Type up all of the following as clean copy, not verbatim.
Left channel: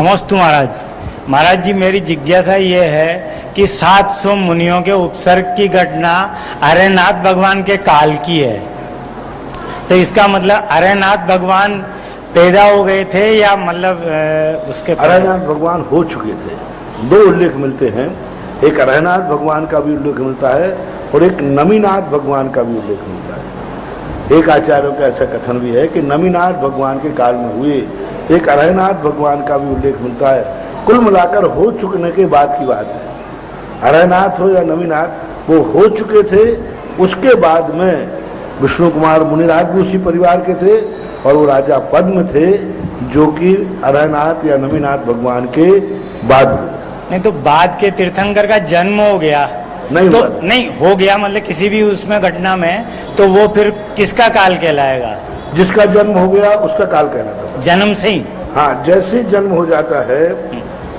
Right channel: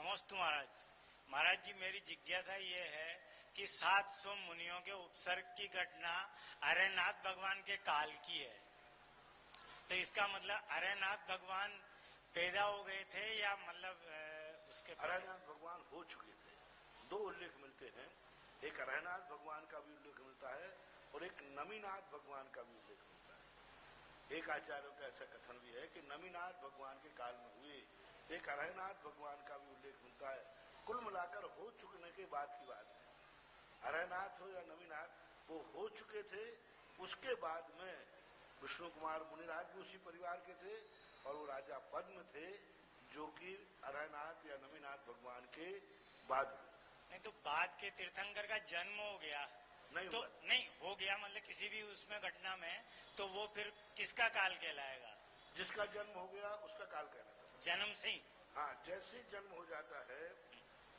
नमस्ते महाराज। महाराज जी, मेरी जिज्ञासा ये है कि 700 मुनियों के उपसर्ग की घटना अरयनाथ भगवान के काल की है, तो इसका मतलब अरयनाथ भगवान पैदा हो गए थे या मतलब उसके अरयनाथ भगवान हो चुके थे। दो उल्लेख मिलते हैं, एक अरयनाथ भगवान का भी उल्लेख मिलता है और एक नमीनाथ भगवान का भी उल्लेख मिलता है। एक आचार्यों का ऐसा कथन भी है कि नमीनाथ भगवान के काल में हुए, एक अरयनाथ भगवान का भी उल्लेख मिलता है। कुल मिलाकर हो चुकने के बाद की बात है। अरयनाथ हो या नमीनाथ, वो हो चुके थे। उसके बाद में विष्णु कुमार मुनिराज भी उसी परिवार के थे और वो राजा पद्म थे, जो कि अरयनाथ या नमीनाथ भगवान के बाद हुए। नहीं तो बाद के तीर्थंकर का जन्म हो गया नहीं तो हुआ। नहीं हो गया मतलब किसी भी उसमें घटना में, तो वो फिर किसका काल कहलाएगा? जिसका जन्म हो गया उसका काल कहलाता जन्म से ही? हाँ, जैसे जन्म हो जाता है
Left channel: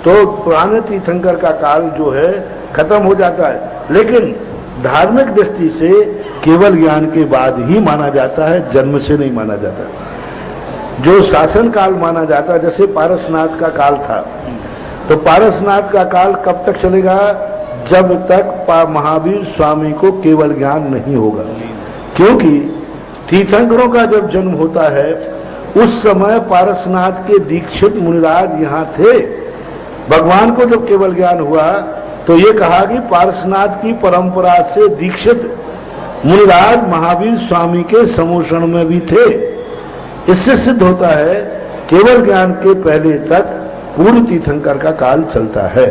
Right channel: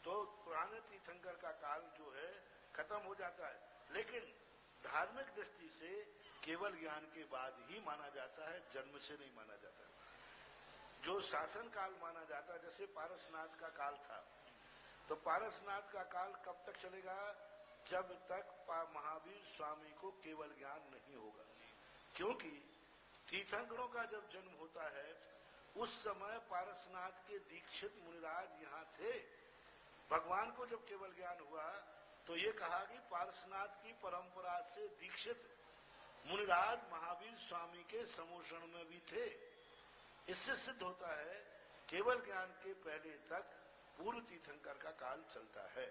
तो पुराने तीर्थंकर का काल जो है खत्म हो जाता है, लेकिन धार्मिक दृष्टि से केवल ज्ञान के बाद ही माना जाता है, जन्म से नहीं माना जाता। जो शासन काल माना जाता है, जैसे पारसनाथ का काल था, तो पारसनाथ का काल कब तक चलेगा? जब तक महावीर स्वामी को केवल ज्ञान नहीं होगा। क्योंकि तीर्थंकरों का जब जन्म होता है उस समय पारसनाथ के दीक्षित मुनिराज यहाँ थे। भगवान को जब केवल ज्ञान हुआ तो ये कहा कि पारसनाथ की परंपरा से दीक्षित मुनिराज महावीर स्वामी के समोषण में भी थे। इससे सिद्ध होता है केवल ज्ञान के पहले तक पूर्ण तीर्थंकर का काल चलता है।